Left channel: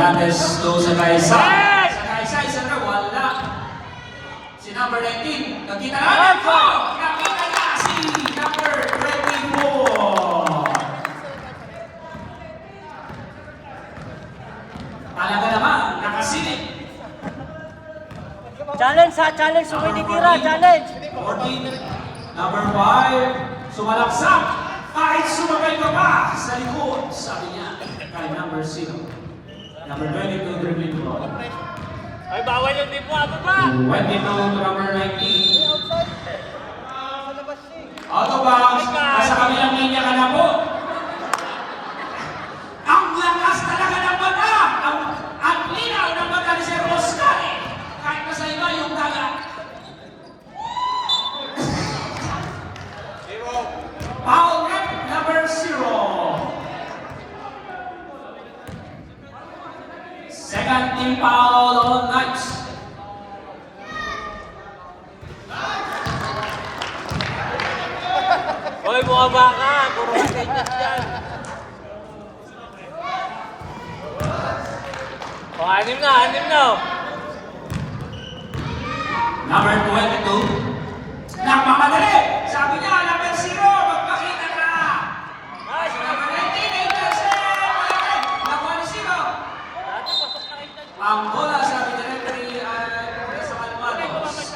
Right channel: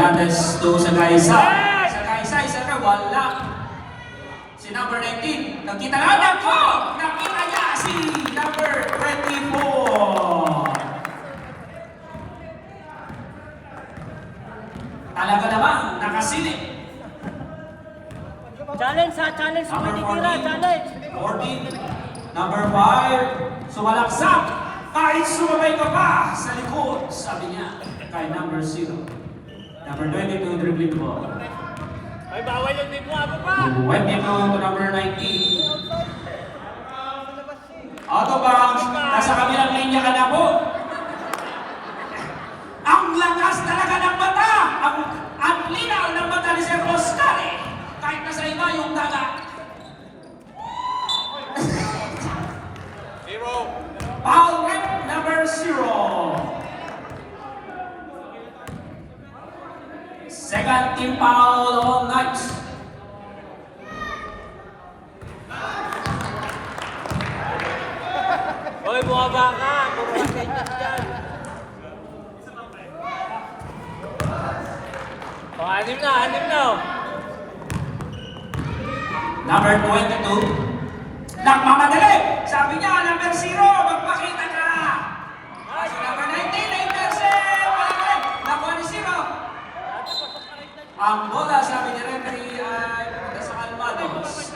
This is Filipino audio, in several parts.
Fernandez to sa Kaisa. Sa Kaisa, isa na wala. Si number 19. Nakita natin ko! Nakita niya si number 24. Talaga naman, nakasilip. Challenge ha, challenge. Pwede tira, challenge. 14. Number 5. Sumalaksak. Kahit sumabay ka pa sa likod, sabi niya kay number 0. Number 22, dribbling ball. Ay, bawal yung di mo. Ano ba? 22, number 19. Out of bounds. Nasa kabilang linya ka na po. Ang lakas talaga ng bata. Ang linaw ng bata ni Sir Oscar eh. Kahit nasa iba yung dagat. Foul rep number 0. Second team foul on Knights. Hoy, bumaba ka. Puro ganyan yan. O, anim na, anim na. Number 22. Nagmamadali! Sabi niya, number 0, magpakita ka! So, number 19, intercept! Nakuha ni 0. Ang bola, sabi ni referee, ay nasa Almados.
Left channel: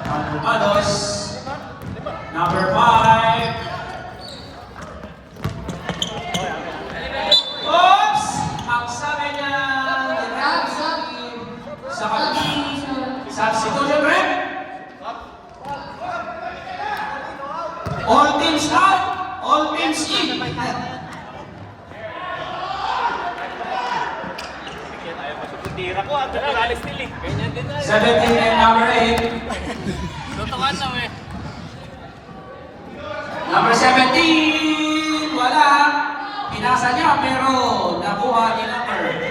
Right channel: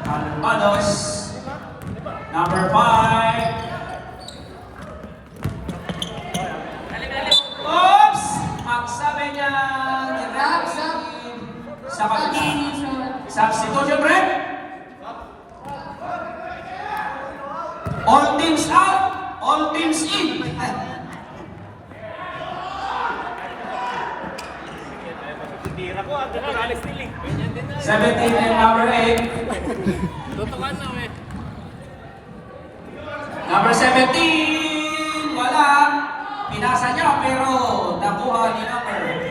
Almados. Number 5. Oops! Magsabi niya ni referee sa pagking substitution rep. All teams out, all teams in. Tira ko, at saka stiling. Ganyan din na. 17 and number 8. Lutukan na, we. Number 17, wala. Pinasa niya pero nakuha ni number.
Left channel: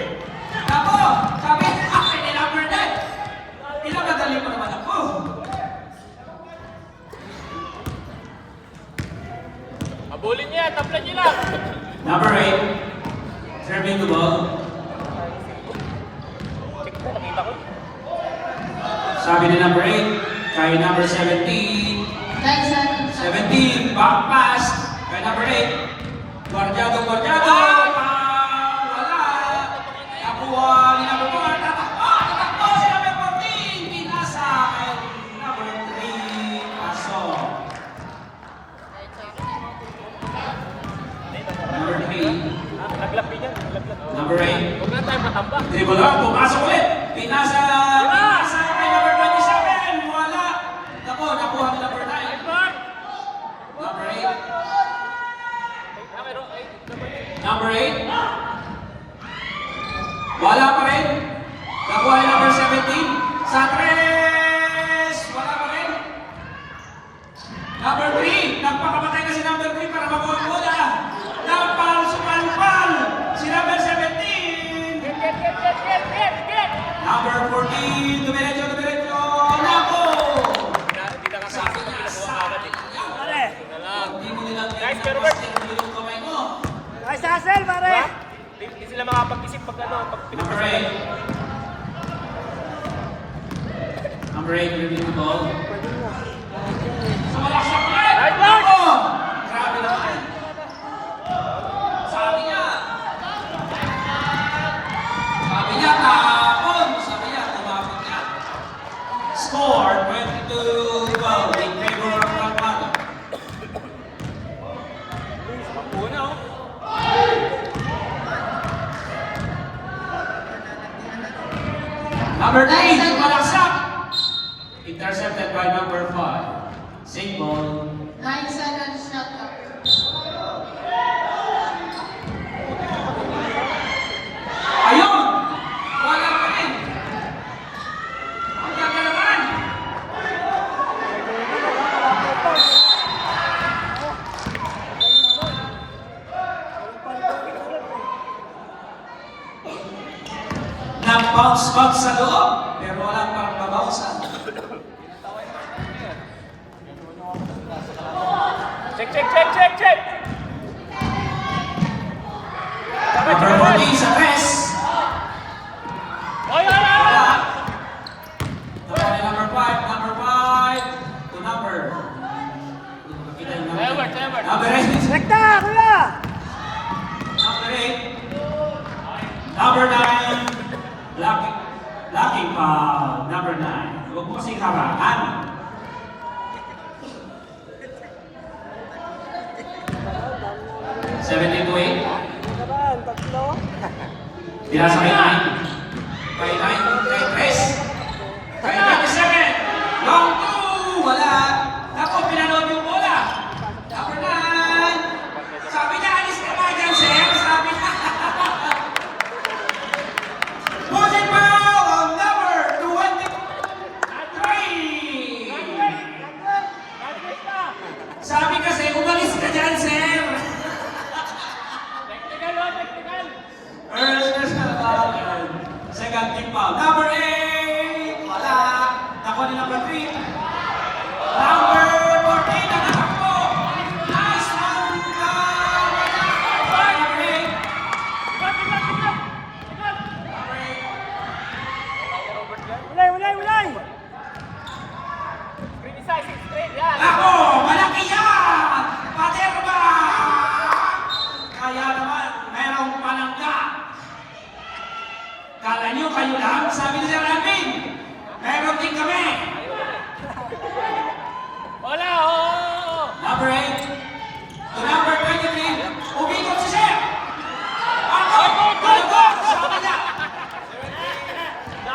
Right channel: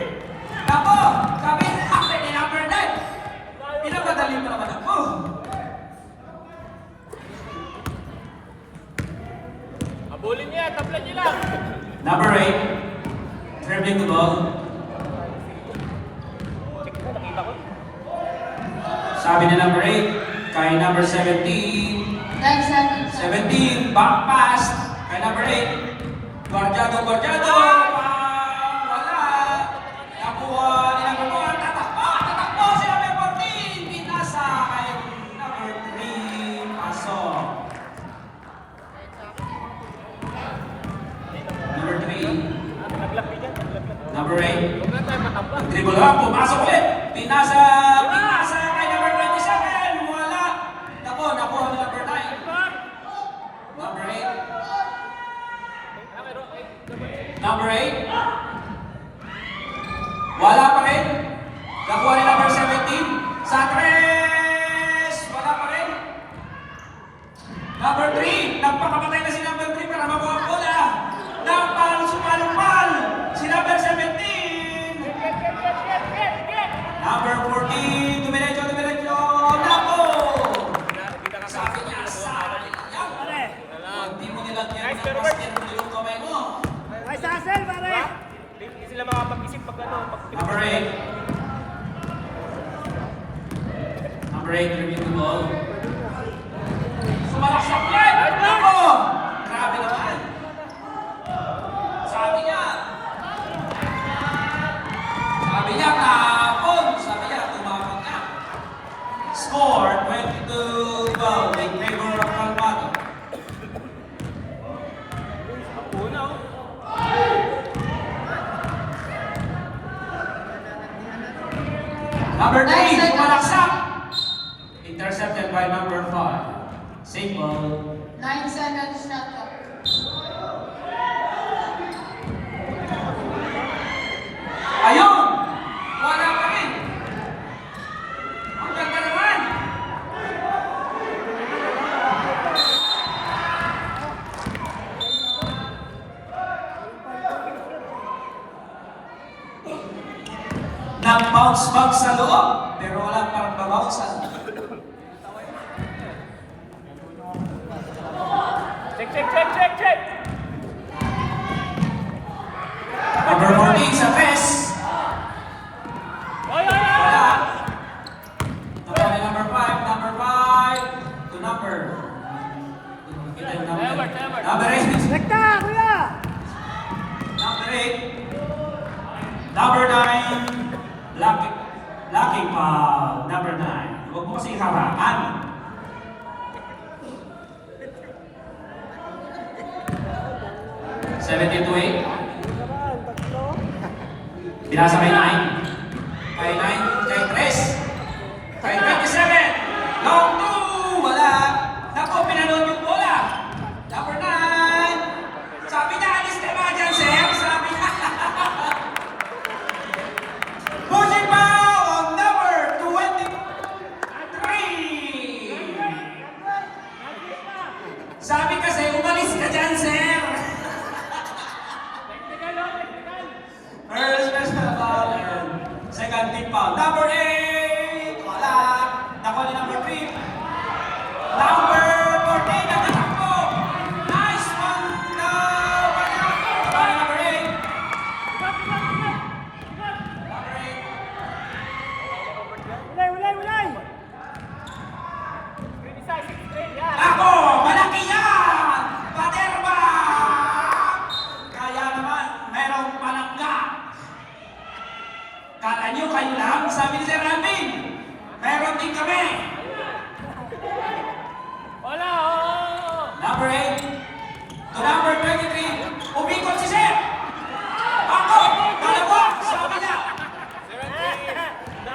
Nako, kami ni number 9. Pinamadali mo naman ako. Abulin niya, taplan niya na. Number 8, dribbling the ball. Sabi ni number 8, kay number 17. 17, back pass kay number 8. Guardiado, wala. Nakuha ni number 1, tatakbo si number 14. Pinasa kay number 3, pasok. Number 3, number 8. Dribble lang, pumasok ulit. Pinasa kay number 27. Wala. Nakuha ni number 9. Number 8. Number 8. Wala pa rin. Nakuha ni number 17. Sa 3. Wala pa rin. Number 3. Nagpakamatay na si number 3 para makuha ang bola. Sumalupal. Si number 17. Number 14. Dumiretso. Nako. Sabi niya, hindi mo nilang yan ng basket yung kamay mo. Ay, Sasel, pare! Hindi sila makapag-isip pag ano. Number 8. Number 8, review the ball. Sumalaksak yan! Nako! Grabe naman. Sabi niya, tapon. Sabi niya, tumapon niya. Score, 22-12 in favor of Almado. Number 9, sumalaksak. Intercepted by number 5. Safe ball. 9 seconds shot clock. Ayun! Wala pa rin. Ang ganda naman. Nang-bounce sa loob, pero walang parang babouncean. Check. Sabi Number 8. Number 9. Blocking foul. Number 9. Huwag mo kasing harangan. Seventeen to 8. Binasa kay 9. Kay 9. Kay 3. Kay 27. Long 2. Wala. Naku, pinanood yung bola. Number 9. Sabi na, alis ka ba dyan, sir? Sabi na. Pushing foul on number 23. Sabi kasi, umalis ka dyan, sir. First personal foul and second team foul. Number 8. Wala. Naku ni number 3. Number 14. Nagtatakbo. Nice one. Wala. Wala number 8. Number 8. Ulay! Ako, malaki yan! Paterba! Kaya naman, merong panangga. Kala nyo kayo lang, sabi nila namin. Meron din kami. Wala, Number 8. To number 23. Umikot si Sir. Ako, dalawa, sabi niya.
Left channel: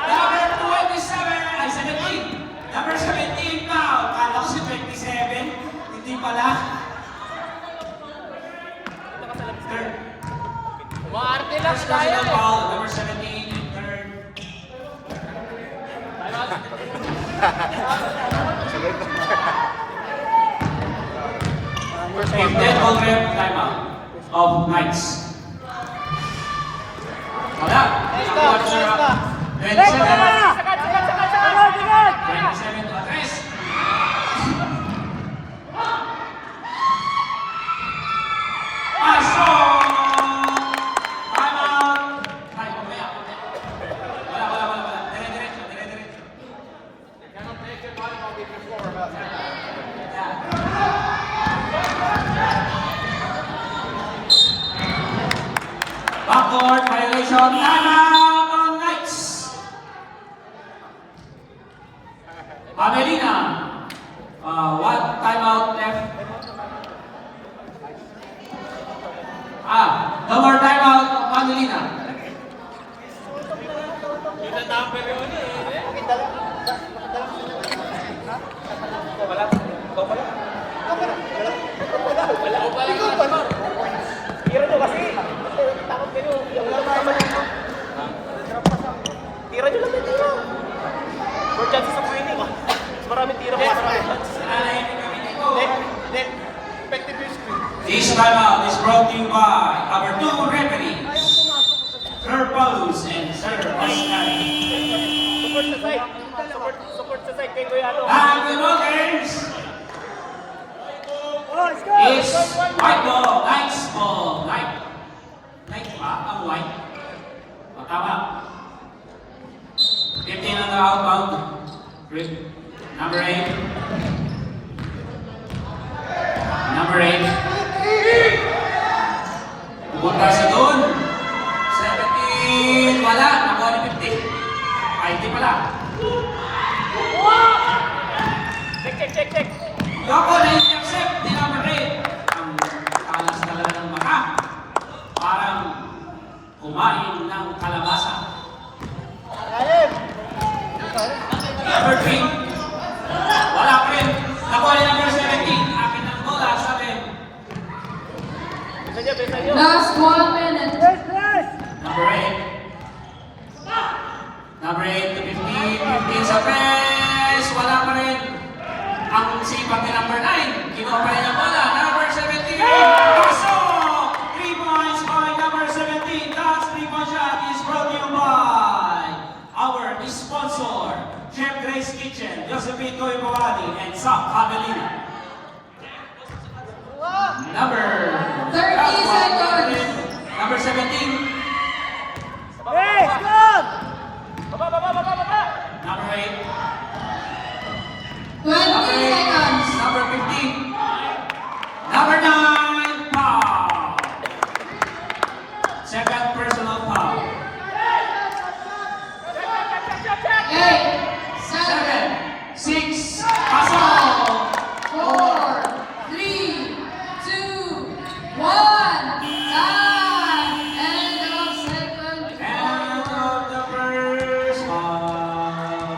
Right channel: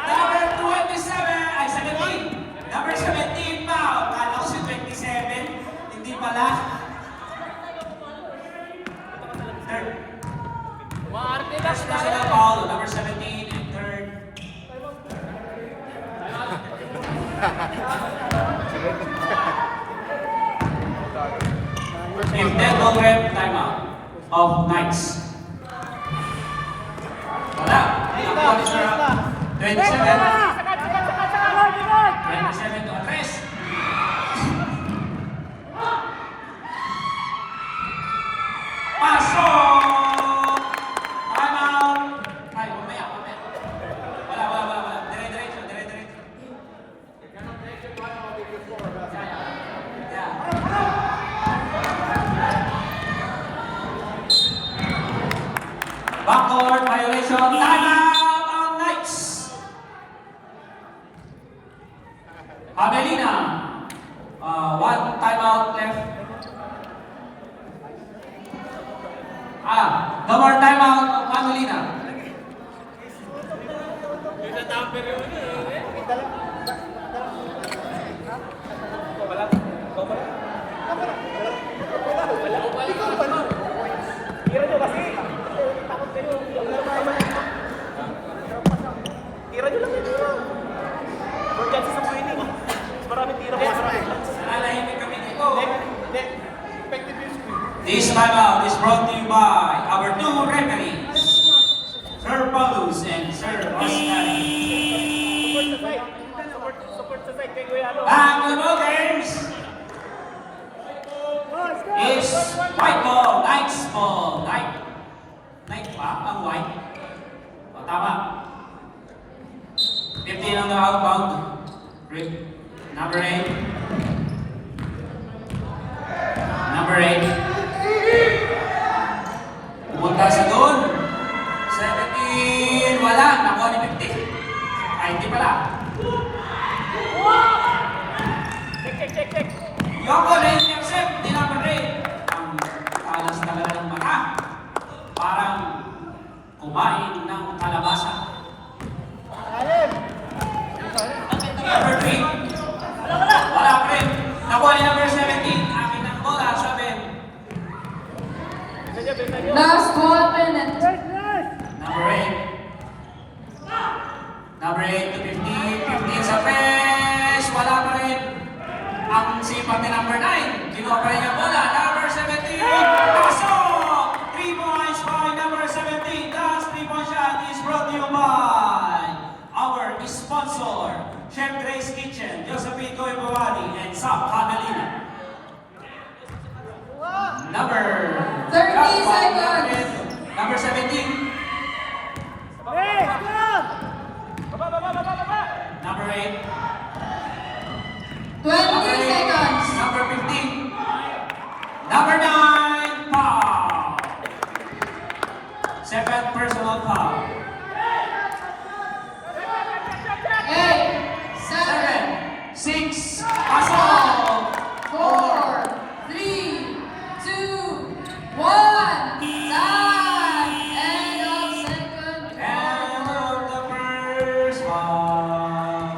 Number 27, ay 17. Number 17 pa. Kala ko si 27. Hindi pala. First personal foul, number 17 and third. If dead ball rep, timeout of Knights. Wala. Nakuha ni Sir 27. 27 to Atres. Pasok! Timeout! Ay, mamaya. Wala. Dire-diretso. Backcourt violation. Timeout on Knights. Amelina. One timeout left. No more timeout of Amelina. Tira nyo lang. More chances of winning. Mas maraming tira. Nananahimik kami dito. Effective use screen. This timeout is brought to you by our two referees, Sir Paulus and Sir Oscar. Support sa side kay Kuya Ano. The Notaries is white ball, Knights ball, Knight pa, ang white. O, tama. 15 on the outbound. Number 8. Number 8. Pumunta sa doon. 17. Wala. Nakuha ni 50. 50 pala. Check. Yoko na intercept ni number 8. Ang talas talaga ng mata. Parang kumain ng kalabasa. Number 3. Wala pa rin. Nakuha ni number 17. Akin ang bola, sabi. Last 1 minute. Number 8. Number 8 to 15. 15 sa press. Wala pa rin. Ang sipag ni number 9. Kinuha pa rin ang bola. Number 17. Pasok! 3 points by number 17. Last 3-point shot is brought to you by our sponsor, Chef Grace Kitchen, Josephine Coy Bawadi, and Sam Amelina. Number 30 seconds. Number 17. Hey, squad! Number 8. 20 seconds. Number 15. Number 9. Foul. Second personal foul. 8, 7, 6, pasok! 4, 3, 2, 1. Time! End of second End quarter. of the first half.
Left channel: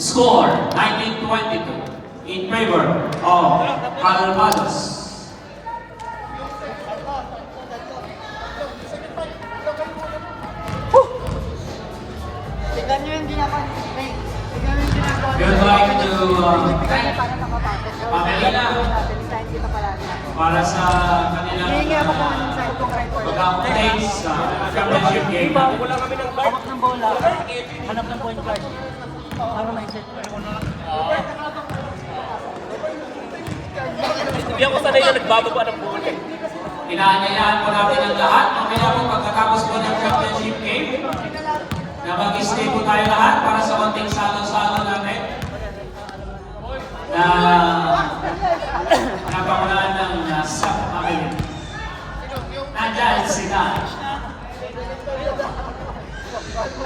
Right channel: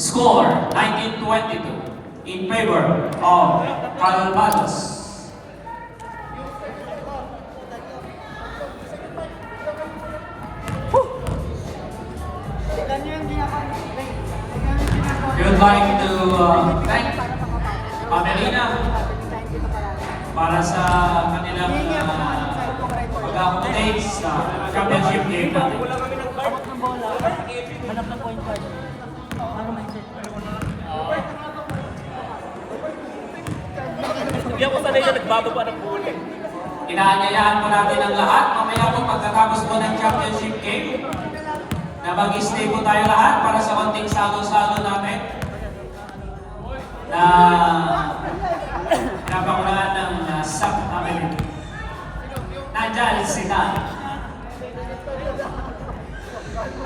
Score 19-22 in favor of Calvados. We would like to thank Pamelina para sa kanilang pag-accommodate sa championship game natin. Hindi ako sanay na nagbababa ng pool eh. Inaanyayahan po natin ang lahat mamaya po pagkatapos po ng championship game na mag-stay po tayo lahat para sa konting salo-salo natin na napakulaan ng Sam Amelin. Nandyan si Dan.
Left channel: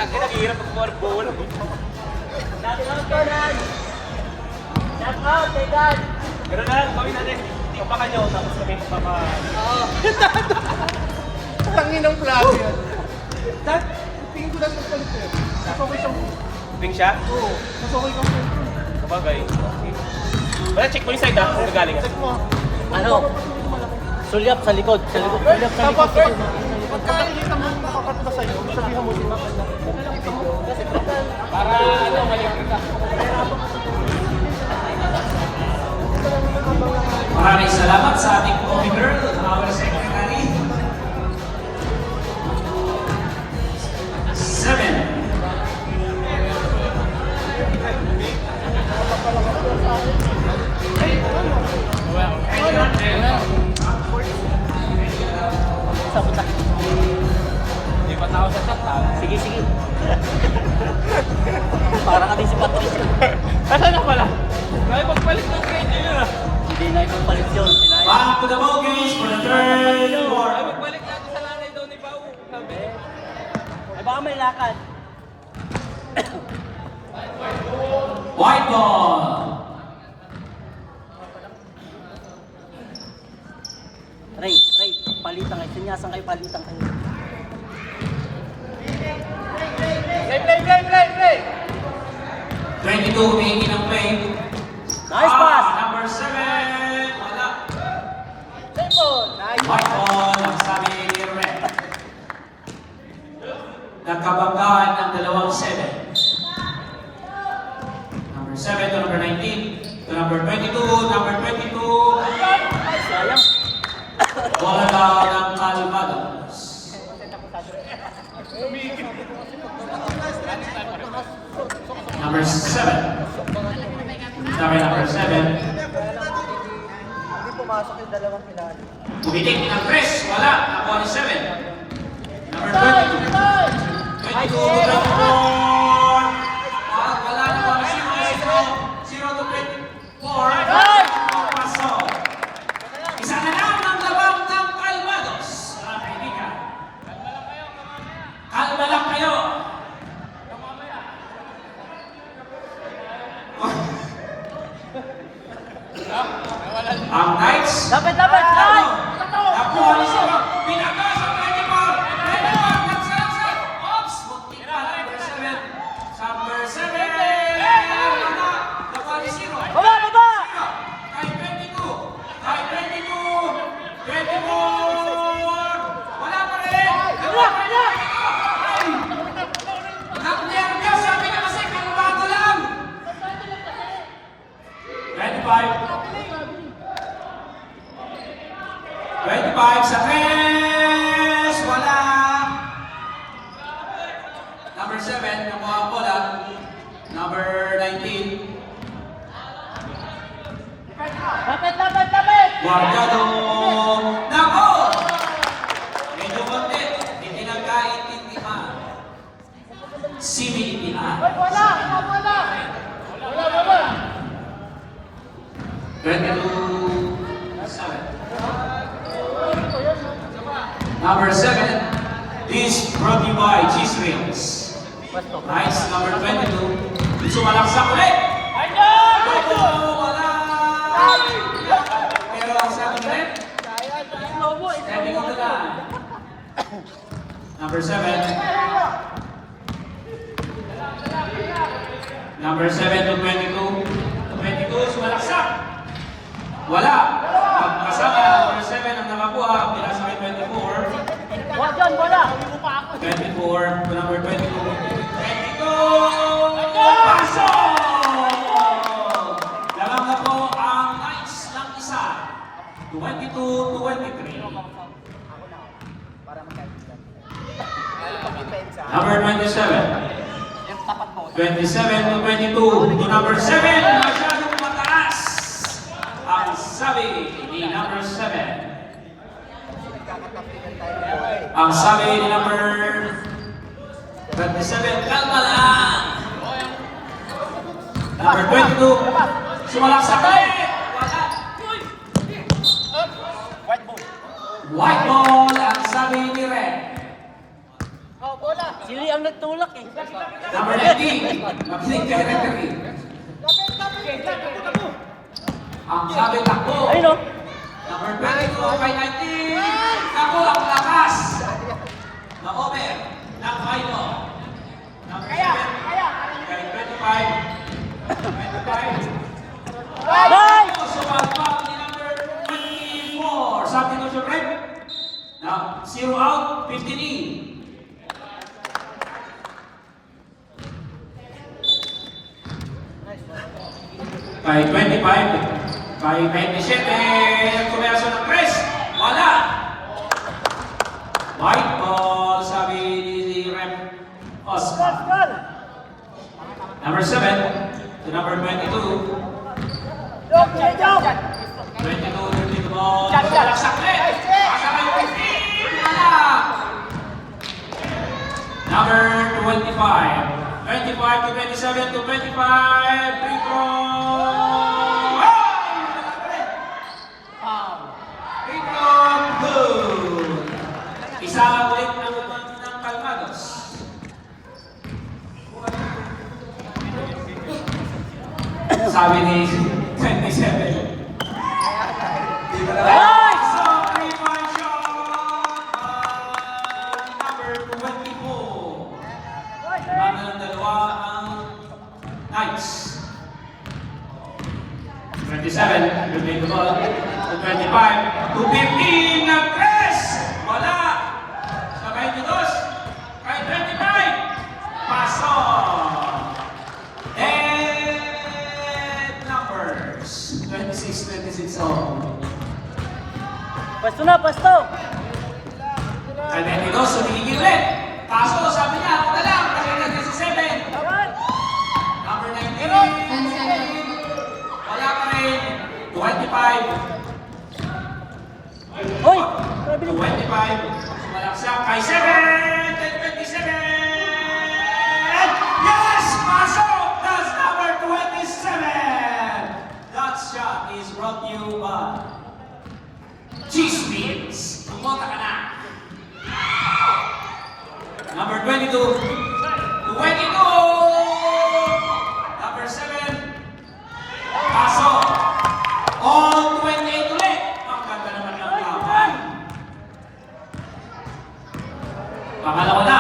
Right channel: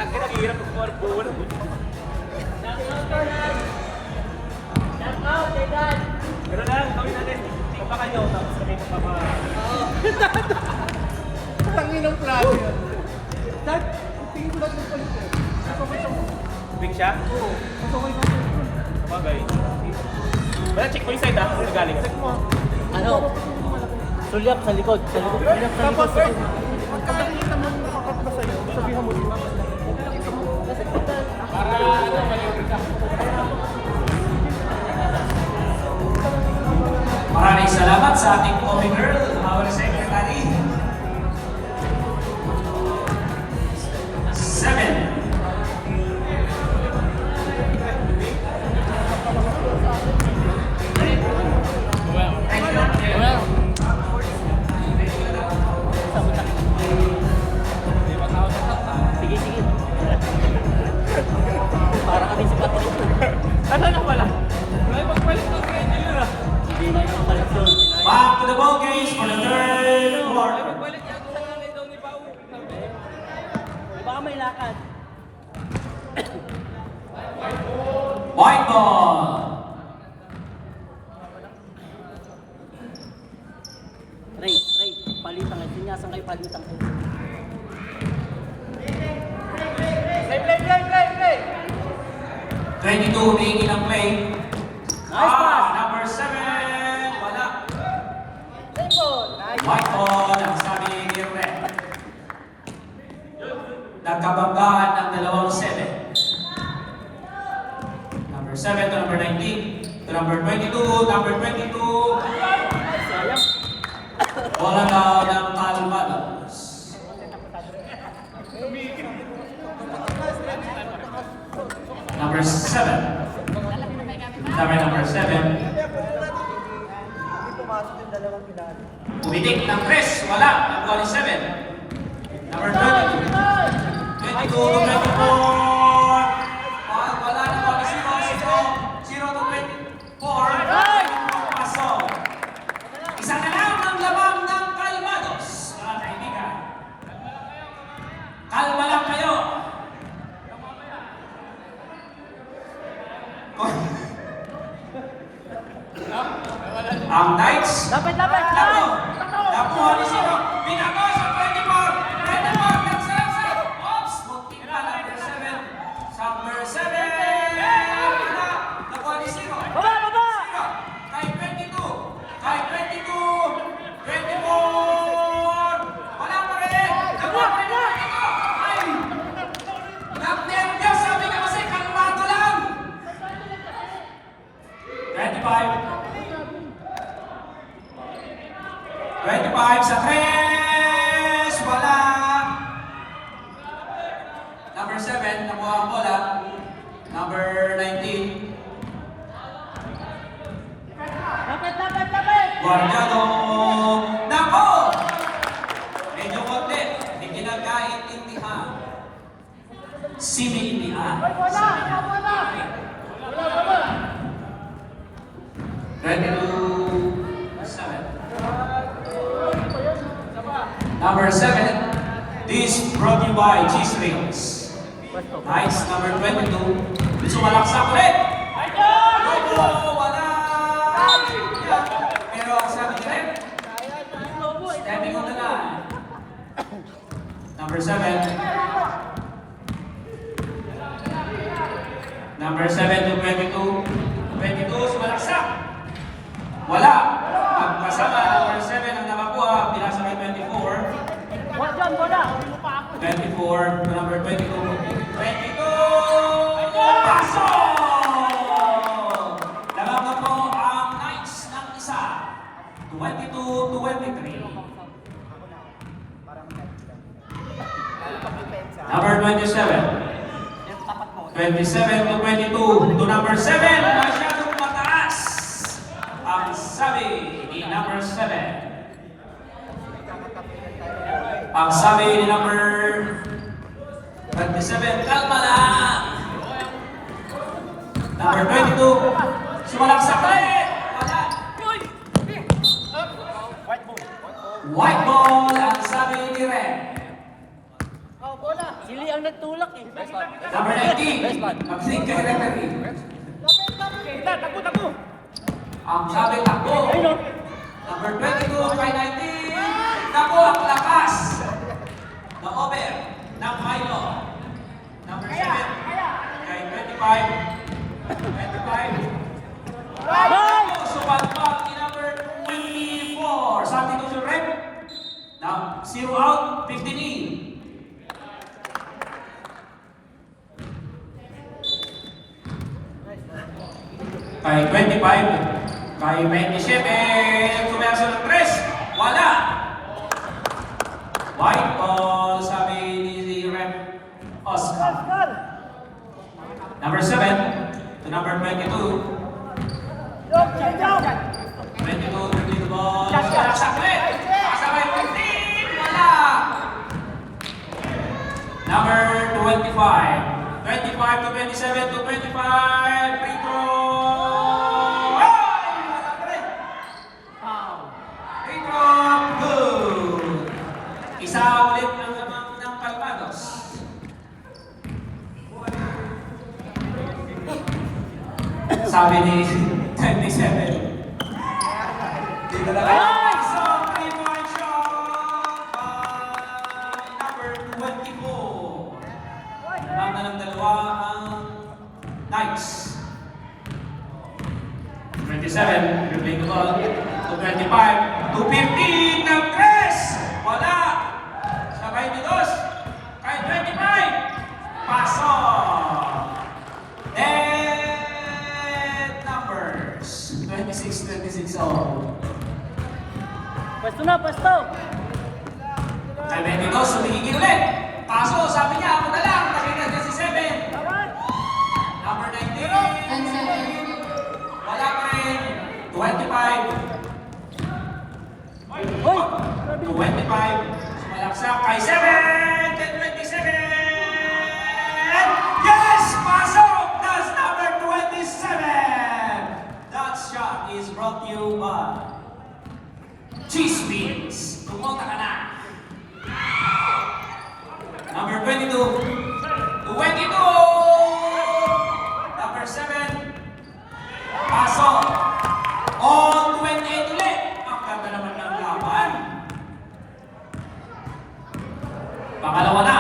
Ang hirap magbuha ng pool. Pero na, kami natin. Papakan nyo, tapos kami papakan. Tangin ng plano yan. Tingin ko lang ng palito. Nasokay siya. Big siya? Oo. Nasokay ko. Bagay. Wala, check mo yung side ako. Saan galing? Ano? Sulyap sa likod. Sa likod. Sulyap sa likod. Tapos, pagkakita mo makakatba sa'yo, sabihan mo sila. Maraming salamat sa ating movie girl, our secretary. 7. Wala. Sige, sige. Parang kami si Patricio. Nasaan ako pala? Kaya pagpalit ko kayo nyo. Hindi na yung palit yun. Back to the ball games for the third quarter. Balik na ako sa nanay daw ni Pao. Baka may lakad. White ball. Ray, palitang. Sinyasan kayo palitang. Play! 22 humingi ng play. Nice pass. Number 7. Wala. White ball. Ang sabi ni Red. Nagkabanggaan ang dalawang 7. Number 7 to number 19. To number 22. Number 22. Sayang. Bola daw ng Calvados. Number 7. Number 7. Pumitik ng Chris. Wala. Nakuha ni 7. Number 22. 22 to 24. Wala. Nakuha ni 0 to 24. Pasok. Isa na lang ang labang ng Calvados. Mga kaibigan. Kalma lang kayo. Ang Knights. Dapat! Nakuha ni Siro. Pinaba sa 24. 24. Nagsalasal. Ops. Muntik pa. Number 7. Number 7. Wala. Nakuha ni Siro. Baba! Siro. Kahit 22. Kahit 22. 24. Wala pa rin. Nakuha pa rin. Ay. Nag-nervyos. Sabi ka kasi kalmado lang. 25. 25 sa 3. Wala. Number 7, nakuha ang bola. Number 19. Guardado. Nako! Medyo konti. Hindi nagkaintindihan. Siniindihan. 22-7. Number 7. This brought to you by Cheese Wheels. Knights number 22. Sumalaksak ulit. Lobo, wala. Pero ang sabi ni Rep, standing on the line. Number 7. Number 7 to 22. 22, sumalaksak. Wala. Ang kasama, number 7 ang nakakuha, pinasa kay 24. 24 to number 22. 22! Paso! Lamang na po ang Knights ng isa. 22 to 23. Number 27. 27 to 22 to number 7, masyadong mataas ang sabi ni number 7. Ang sabi ni number 27, kalma lang. Number 22, sumalaksak ulit. Wala. White ball ang sabi ni Red. Sili ang nagtulak eh. Number 19, mag-link kay referee. Ang sabi takbo. Ayun o. Number 22 kay 19, takbo ang lakas. Na over ng Milo. Number 7 kay 25. 25. Sumagpag ni number 24. Sabi ko sa red. Na 0 out, 15 in. Kay 25, kay 27, kumerso ng 3, wala. White ball, sabi ni Rep Oscar. Number 7 to number 22. 22, 22 ball, malaksak ulit. Kasabay 15, wala. Number 25. 25 to 27 to 25, free throw! Ay! Free throw, good! Isa ulit ang lamang ng Palmados. Sabi ni 27. Di ka na so, 3-1 shot by number 24. Mama ng dalawa ang Knights. 27, you take the ball. To 25, to 15, nag-press! Wala! Sa 22, kay 25, paso! Dead numbers. 26 all. Pasto na, pasto. Kay 22, sumigigil ulit. Paso, sabi niya, ako na lang. Kasi nag-17. Number 19. 10 seconds. Wala pa rin. 25. Hoy! 25. Sumalaksak kay 7. 27. Yes! Pasok! That's number 27. That shot is brought to you by Cheese Wheels. Pumunta ka na. Number 22. 22. Number 7. Pasok. On 28 ulit. Ang ganda naman ng laban. Pangalawa na.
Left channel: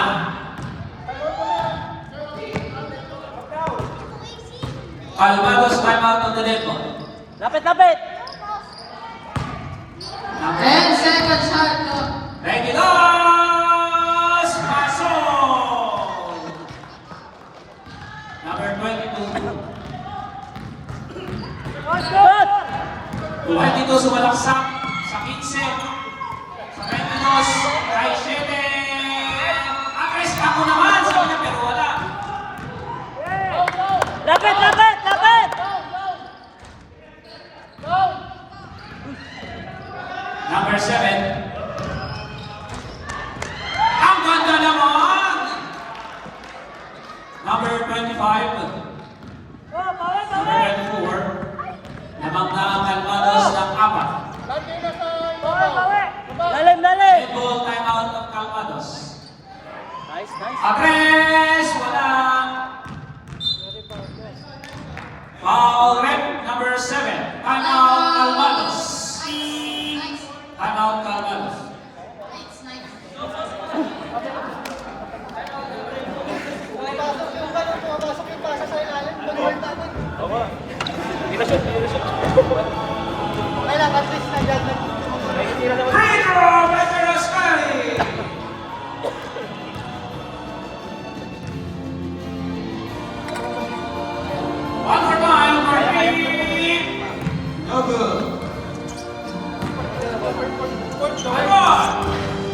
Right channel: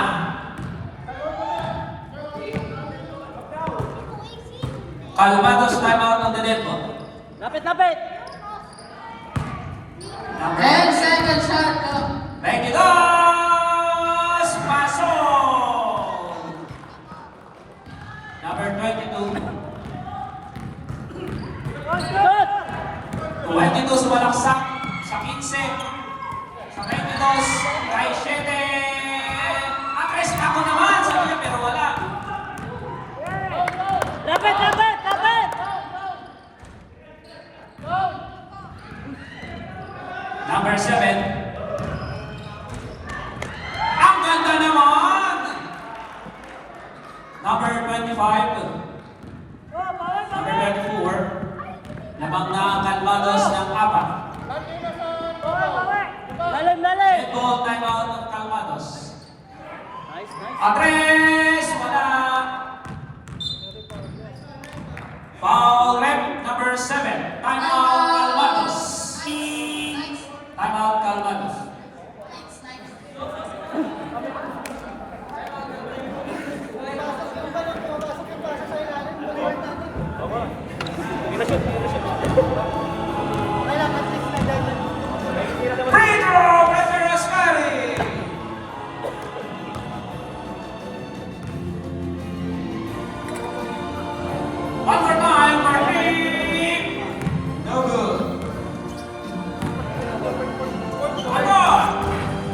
Calvados timeout on the net. Lapit, lapit. Number 10 seconds shot clock. 22. Pasok. Number 22. Shot! 22 sumalaksak sa 15. Sa 22, kay 7. Atras ako naman, sabi niya, pero wala. Lapit, lapit, lapit! Number 7. Ang ganda naman! Number 25. Number 24. Lamang na number 7. Timeout Calvados. Nice. Timeout Calvados. Nice, nice. Free throw by Rascali. One more time for me. No good. Come on.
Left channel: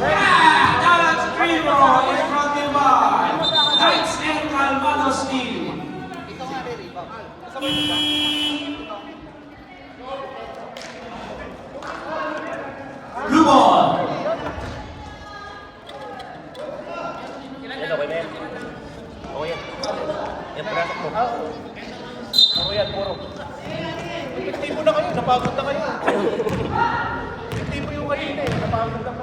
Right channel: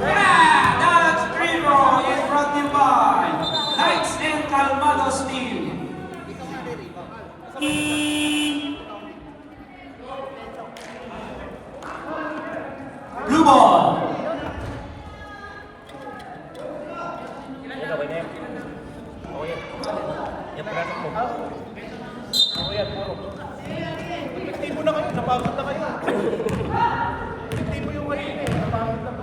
Yeah, that's free throw is brought in by Knights and Calvados team. Blue ball. Yan, okay na yan. Okay yan. Yan, traffic mo. Okay yan, puro. Team mo na kayo, napagod na kayo. Team mo yung kayo eh. Napagod na po.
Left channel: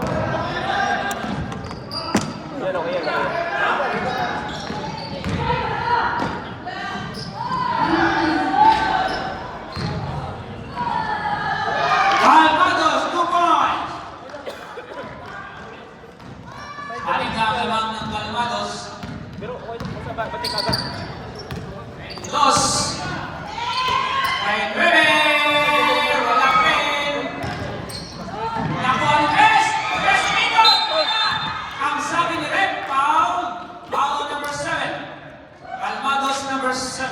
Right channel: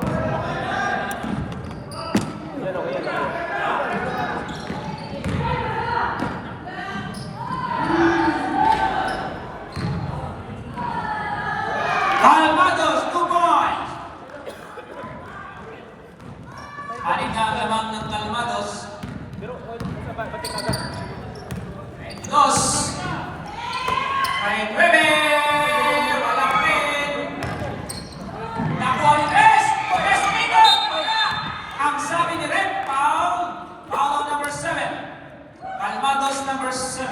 Yan, okay yan. Calvados, 2 points. Haling ka ang lamang ng Calvados. Dos. May 9. Wala pa rin. Nakuha ni Tess. Tess Minot. Wala. Ang sabi ni Red, foul. Foul number 7. Calvados number 7.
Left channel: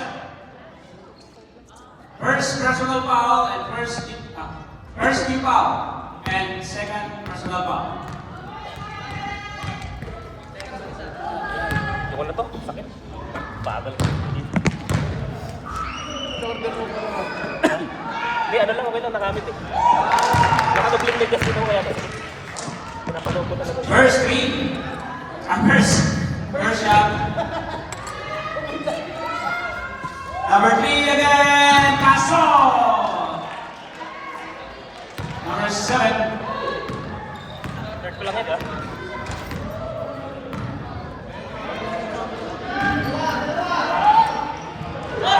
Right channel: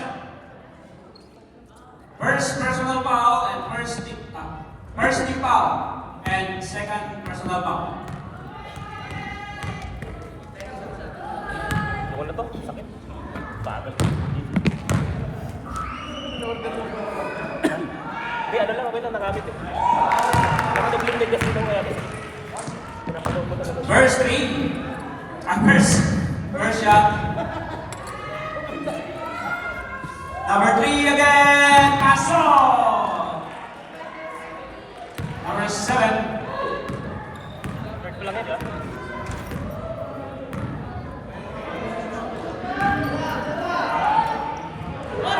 First personal foul and first team foul and second personal foul. Ako na to, sakit. Bagal. Hindi, ano lang, okay lang, nakamit eh. Nagtubling din kasi ito kaya. First three. First shot. Number 3 again, Caso. Number 7. Third ko lang yan, ah.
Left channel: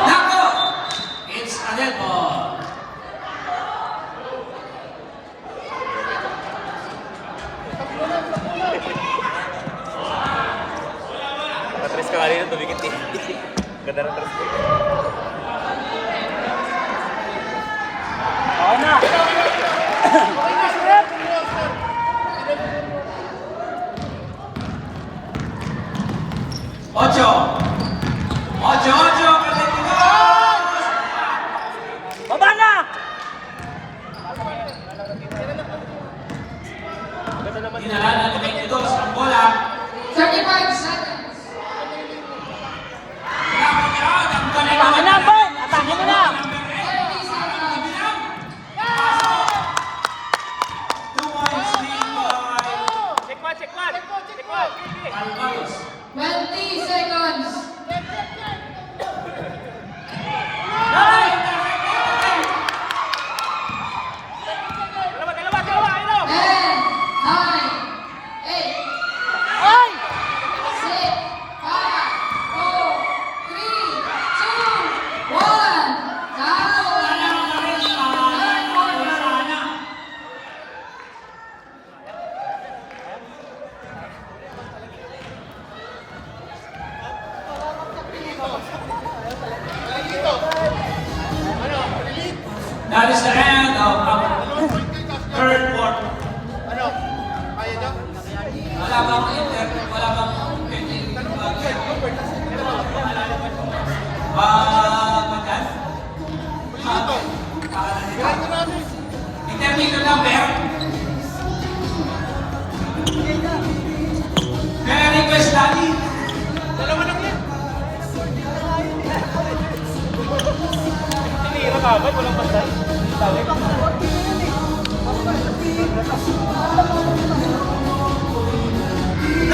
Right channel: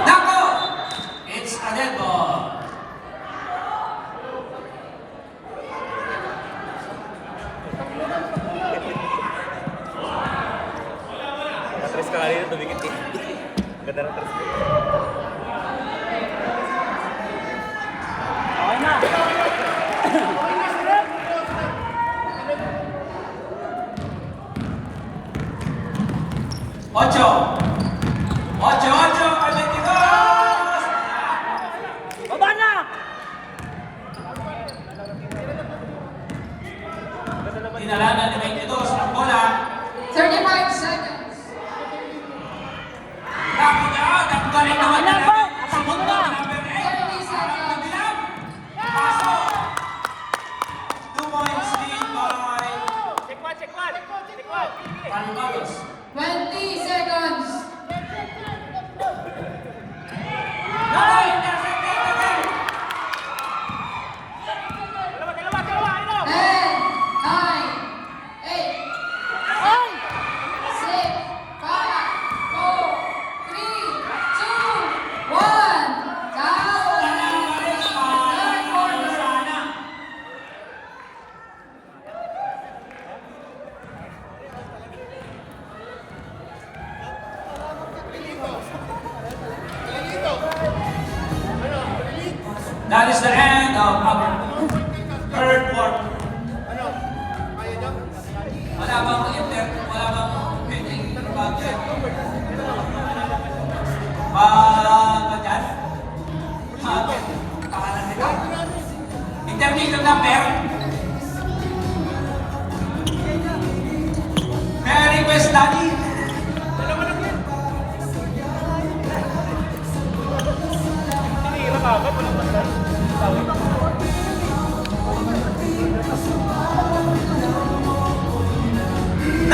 Nako! It's a dead ball. Natres ka kanina, tumikit eh. Ganda na tres. Ocho. Atléticos. Baba na! Dinalanan ni 22 ang bola. 35 seconds. Nakakagaad ang galing naman na. Sunod na number 8. 30 seconds. Bilang. Paso. 2 points lead by Check man, check man! Check man! Calvados. 20 seconds. Naka-intercept again. 10, 9, 8, 6, 5, 4, 3, 2, 1. Down. Third quarter. That is the end of our third quarter. Wala bang pending pag-yan? Pag-yan? Para nito. Intermediate number